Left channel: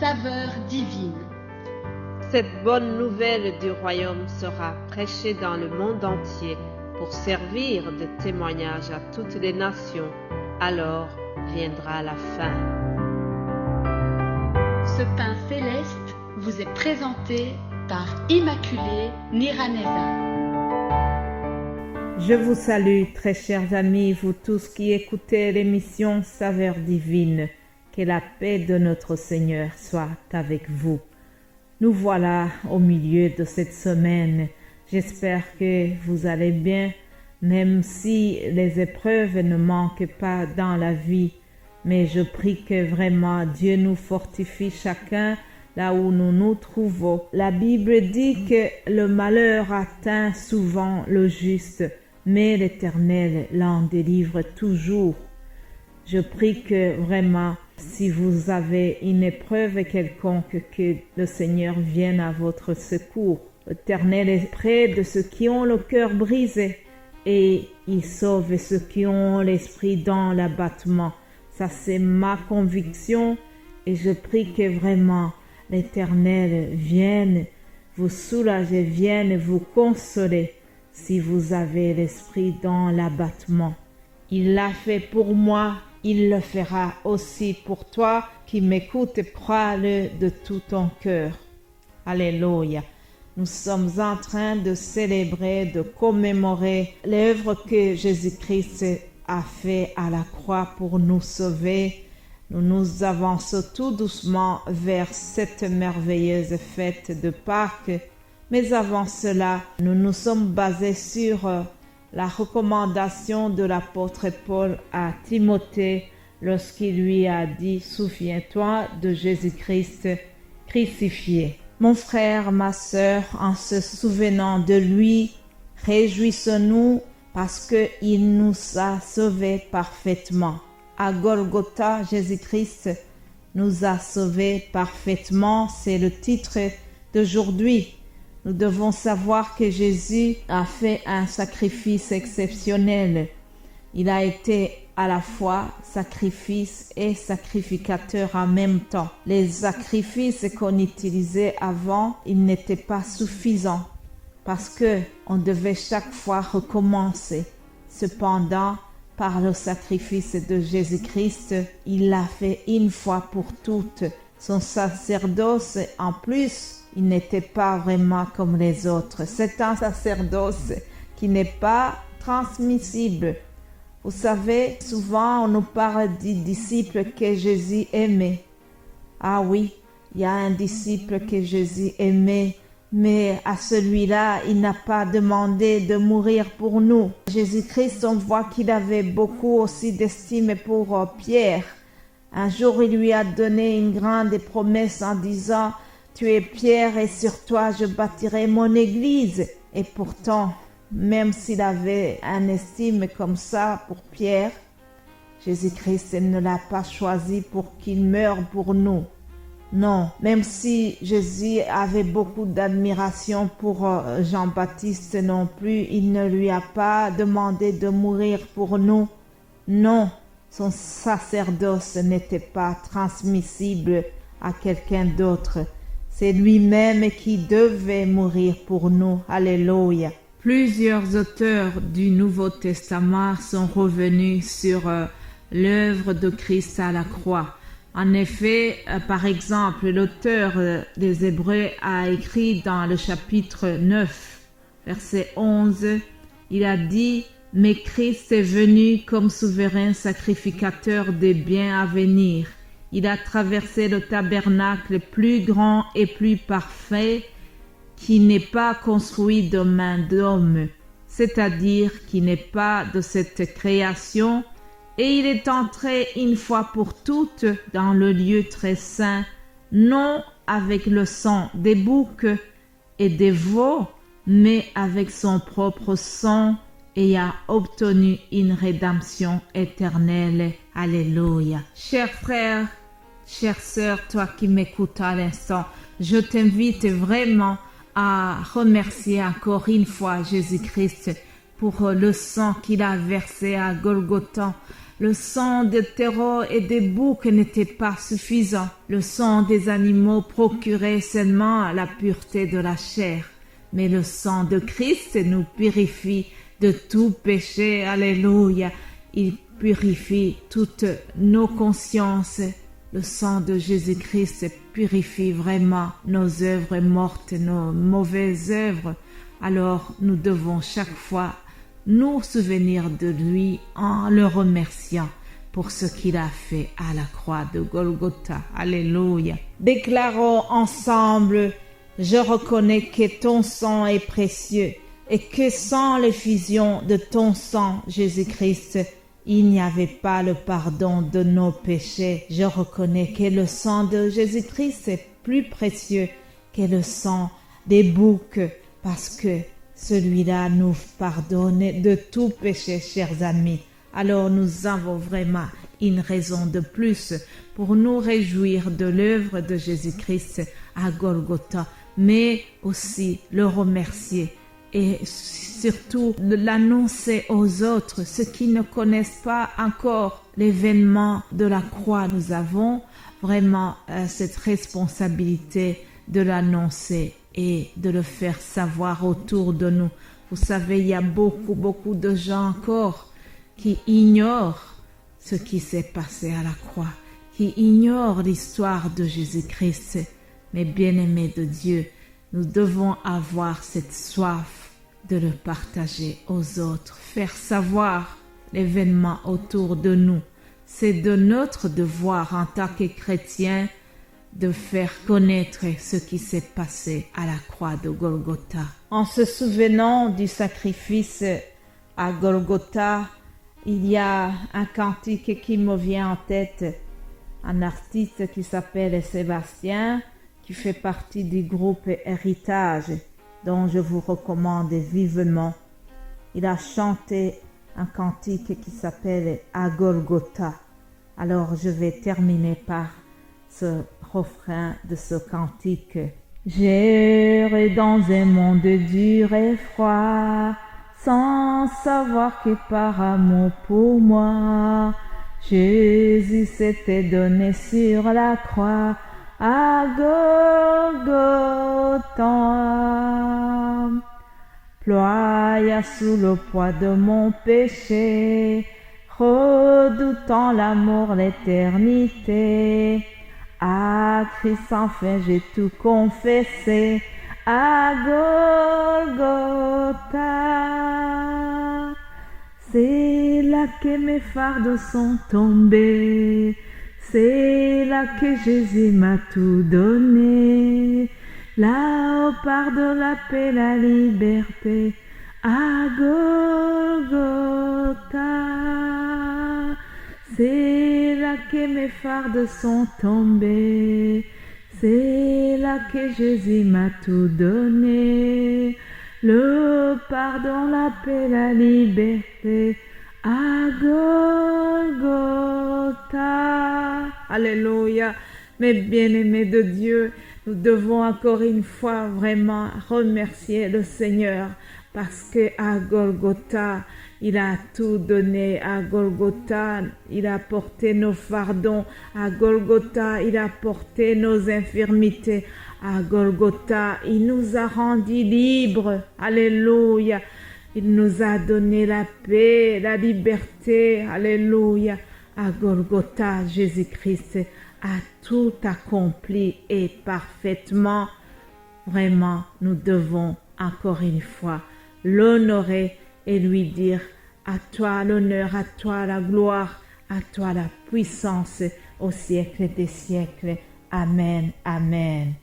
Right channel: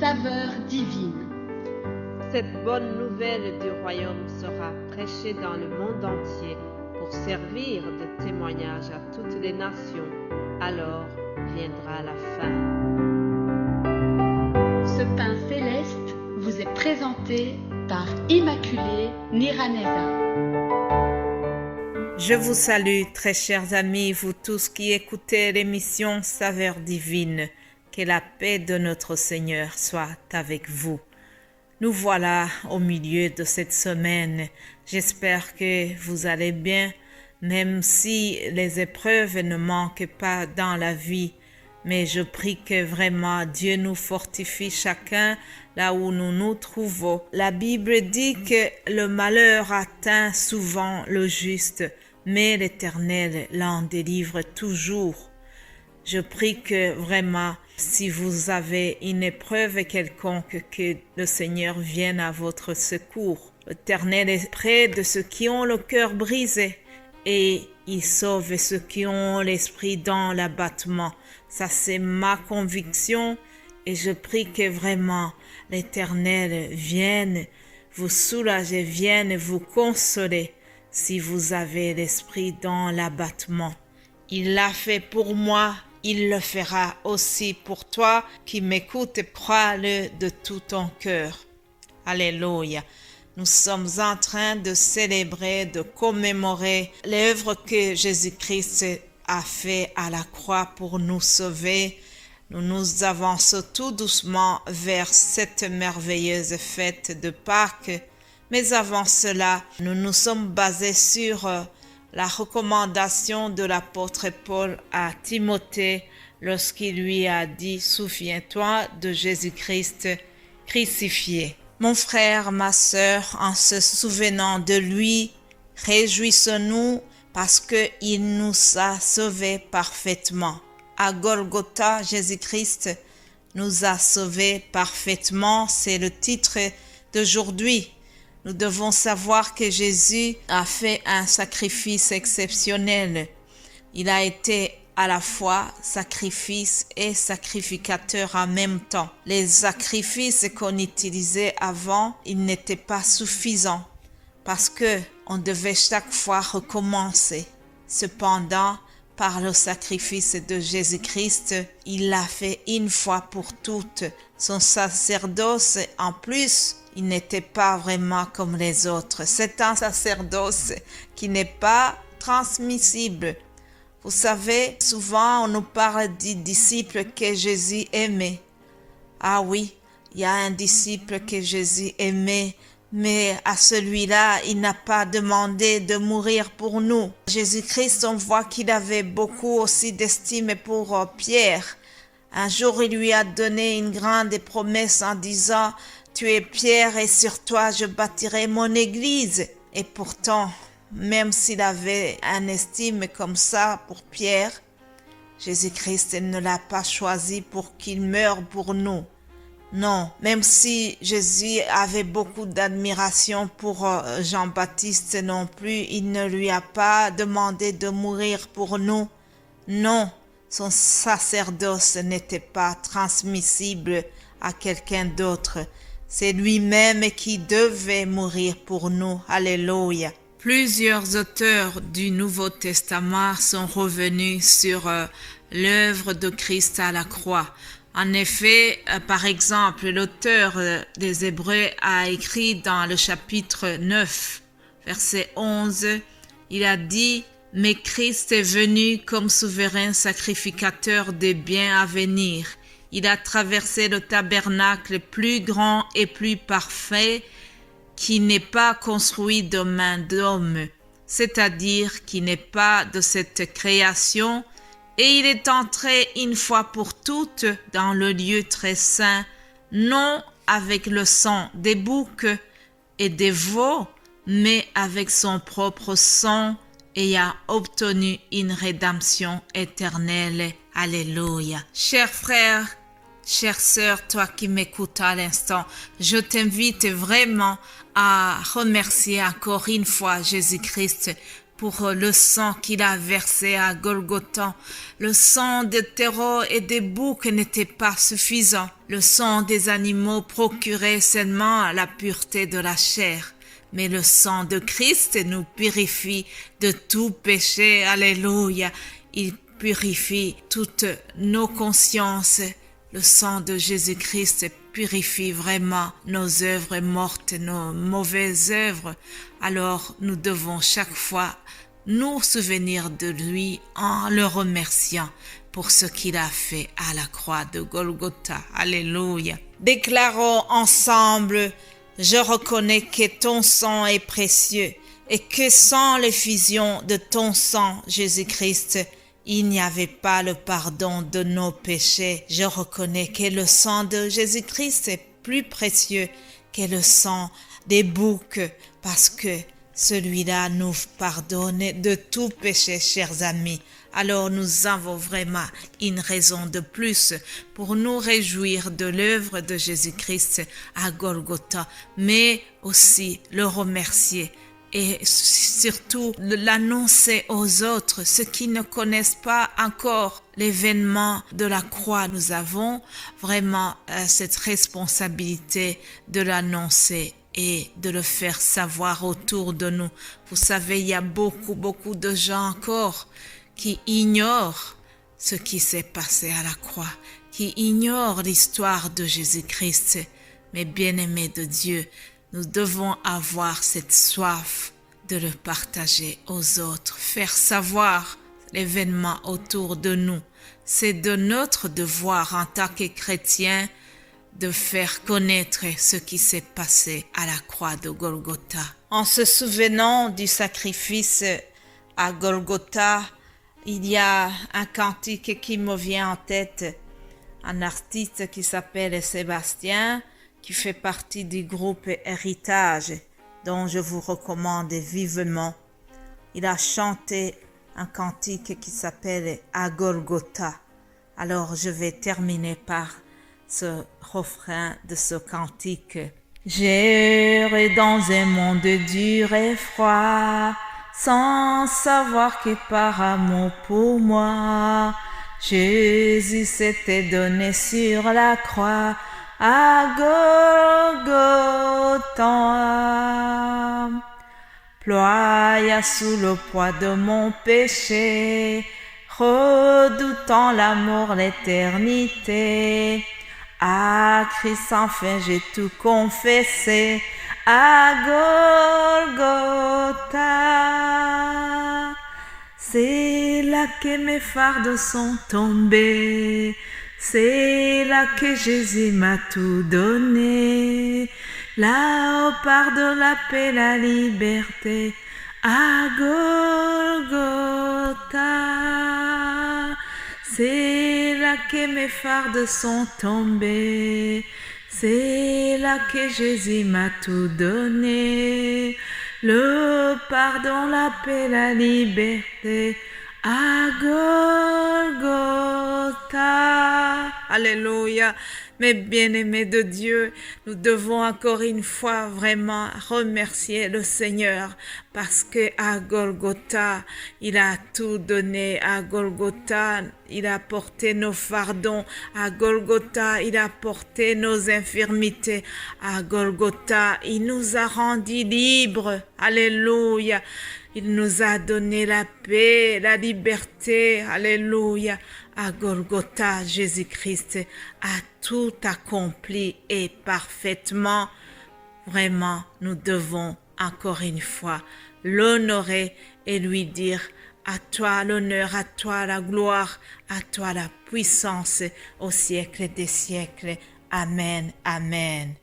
saveur divine. Cette bonne nouvelle du royaume sera prêchée dans le monde entier pour servir de témoignage à toutes les nations. Alors viendra la fin. Ce pain céleste vous est présenté par Immaculée Niraneza. Je vous salue, très chers amis, vous tous qui écoutez l'émission Saveur divine. Que la paix de notre Seigneur soit avec vous. Nous voilà au milieu de cette semaine. J'espère que vous allez bien, même si les épreuves ne manquent pas dans la vie. Mais je prie que vraiment Dieu nous fortifie chacun là où nous nous trouvons. La Bible dit que le malheur atteint souvent le juste, mais l'Éternel l'en délivre toujours. Je prie que vraiment, si vous avez une épreuve quelconque, que le Seigneur vienne à votre secours. L'Éternel est près de ceux qui ont le cœur brisé et il sauve ceux qui ont l'esprit dans l'abattement. Ça, c'est ma conviction et je prie que vraiment l'Éternel vienne vous soulager, vienne vous consoler si vous avez l'esprit dans l'abattement. Il l'a fait pour moi, il le fera aussi pour toi qui m'écoutes, crois-le de tout ton cœur. Alléluia. Nous sommes en train de célébrer, de commémorer l'œuvre que Jésus-Christ a fait à la croix pour nous sauver. Nous nous avançons tout doucement vers cette merveilleuse fête de Pâques. Mais avant cela, nous nous sommes basés sur la recommandation de l'apôtre Paul à Timothée lorsqu'il lui a dit « Souviens-toi de Jésus-Christ crucifié ». Mon frère, ma sœur, en se souvenant de lui, réjouissons-nous parce qu'il nous a sauvés parfaitement. À Golgotha, Jésus-Christ nous a sauvés parfaitement, c'est le titre d'aujourd'hui. Nous devons savoir que Jésus a fait un sacrifice exceptionnel. Il a été à la fois sacrifice et sacrificateur en même temps. Les sacrifices qu'on utilisait avant, ils n'étaient pas suffisants parce que on devait chaque fois recommencer. Cependant, par le sacrifice de Jésus-Christ, il l'a fait une fois pour toutes. Son sacerdoce, en plus, il n'était pas vraiment comme les autres. C'est un sacerdoce qui n'est pas transmissible. Vous savez, souvent on nous parle du disciple que Jésus aimait. Ah oui, il y a un disciple que Jésus aimait, mais à celui-là, il n'a pas demandé de mourir pour nous. Jésus-Christ, on voit qu'il avait beaucoup aussi d'estime pour Pierre. Un jour, il lui a donné une grande promesse en disant « Tu es Pierre et sur toi je bâtirai mon église ». Et pourtant, même s'il avait une estime comme ça pour Pierre, Jésus-Christ ne l'a pas choisi pour qu'il meure pour nous. Non, même si Jésus avait beaucoup d'admiration pour Jean-Baptiste non plus, il ne lui a pas demandé de mourir pour nous. Non, son sacerdoce n'était pas transmissible à quelqu'un d'autre. C'est lui-même qui devait mourir pour nous. Alléluia. Plusieurs auteurs du Nouveau Testament sont revenus sur l'œuvre de Christ à la croix. En effet, par exemple, l'auteur des Hébreux a écrit dans le chapitre 9, verset 11, il a dit « Mais Christ est venu comme souverain sacrificateur des biens à venir. Il a traversé le tabernacle plus grand et plus parfait qui n'est pas construit de main d'homme, c'est-à-dire qui n'est pas de cette création, et il est entré une fois pour toutes dans le lieu très saint, non avec le sang des boucs et des veaux, mais avec son propre sang, et a obtenu une rédemption éternelle. Alléluia. Chers frères, chère sœur, toi qui m'écoutes à l'instant, je t'invite vraiment à remercier encore une fois Jésus-Christ pour le sang qu'il a versé à Golgotha. Le sang des taureaux et des boucs n'était pas suffisant. Le sang des animaux procurait seulement la pureté de la chair. Mais le sang de Christ nous purifie de tout péché. Alléluia. Il purifie toutes nos consciences. Le sang de Jésus-Christ purifie vraiment nos œuvres mortes, nos mauvaises œuvres. Alors nous devons chaque fois nous souvenir de lui en le remerciant pour ce qu'il a fait à la croix de Golgotha. Alléluia. Déclarons ensemble: je reconnais que ton sang est précieux et que sans l'effusion de ton sang, Jésus-Christ, il n'y avait pas le pardon de nos péchés. Je reconnais que le sang de Jésus-Christ est plus précieux que le sang des boucs parce que celui-là nous pardonne de tout péché, chers amis. Alors nous avons vraiment une raison de plus pour nous réjouir de l'œuvre de Jésus-Christ à Golgotha, mais aussi le remercier et surtout l'annoncer aux autres, ceux qui ne connaissent pas encore l'événement de la croix. Nous avons vraiment cette responsabilité de l'annoncer et de le faire savoir autour de nous. Vous savez, il y a beaucoup de gens encore qui ignorent ce qui s'est passé à la croix, qui ignorent l'histoire de Jésus-Christ. Mais bien-aimés de Dieu, nous devons avoir cette soif de le partager aux autres, faire savoir l'événement autour de nous. C'est de notre devoir en tant que chrétiens de faire connaître ce qui s'est passé à la croix de Golgotha. En se souvenant du sacrifice à Golgotha, il y a un cantique qui me vient en tête, un artiste qui s'appelle Sébastien, qui fait partie du groupe Héritage, dont je vous recommande vivement. Il a chanté un cantique qui s'appelle À Golgotha. Alors je vais terminer par ce refrain de ce cantique. J'errais dans un monde dur et froid, sans savoir que par amour pour moi, Jésus s'était donné sur la croix à Golgotha. Ploya sous le poids de mon péché, redoutant l'amour, l'éternité. À Christ enfin j'ai tout confessé à Golgotha. C'est là que mes fardeaux sont tombés, c'est là que Jésus m'a tout donné. Là, au pardon, la paix, la liberté, à Golgotha. C'est là que mes fardeaux sont tombés, c'est là que Jésus m'a tout donné. Le pardon, la paix, la liberté, à Golgotha. Alléluia. Mais bien-aimés de Dieu, nous devons encore une fois vraiment remercier le Seigneur parce que à Golgotha, il a tout donné. À Golgotha, il a porté nos fardons. À Golgotha, il a porté nos infirmités. À Golgotha, il nous a rendus libres. Alléluia. Il nous a donné la paix, la liberté. Alléluia. À Golgotha, Jésus-Christ a tout accompli et parfaitement. Vraiment, nous devons encore une fois l'honorer et lui dire: à toi l'honneur, à toi la gloire, à toi la puissance au siècle des siècles. Amen, amen.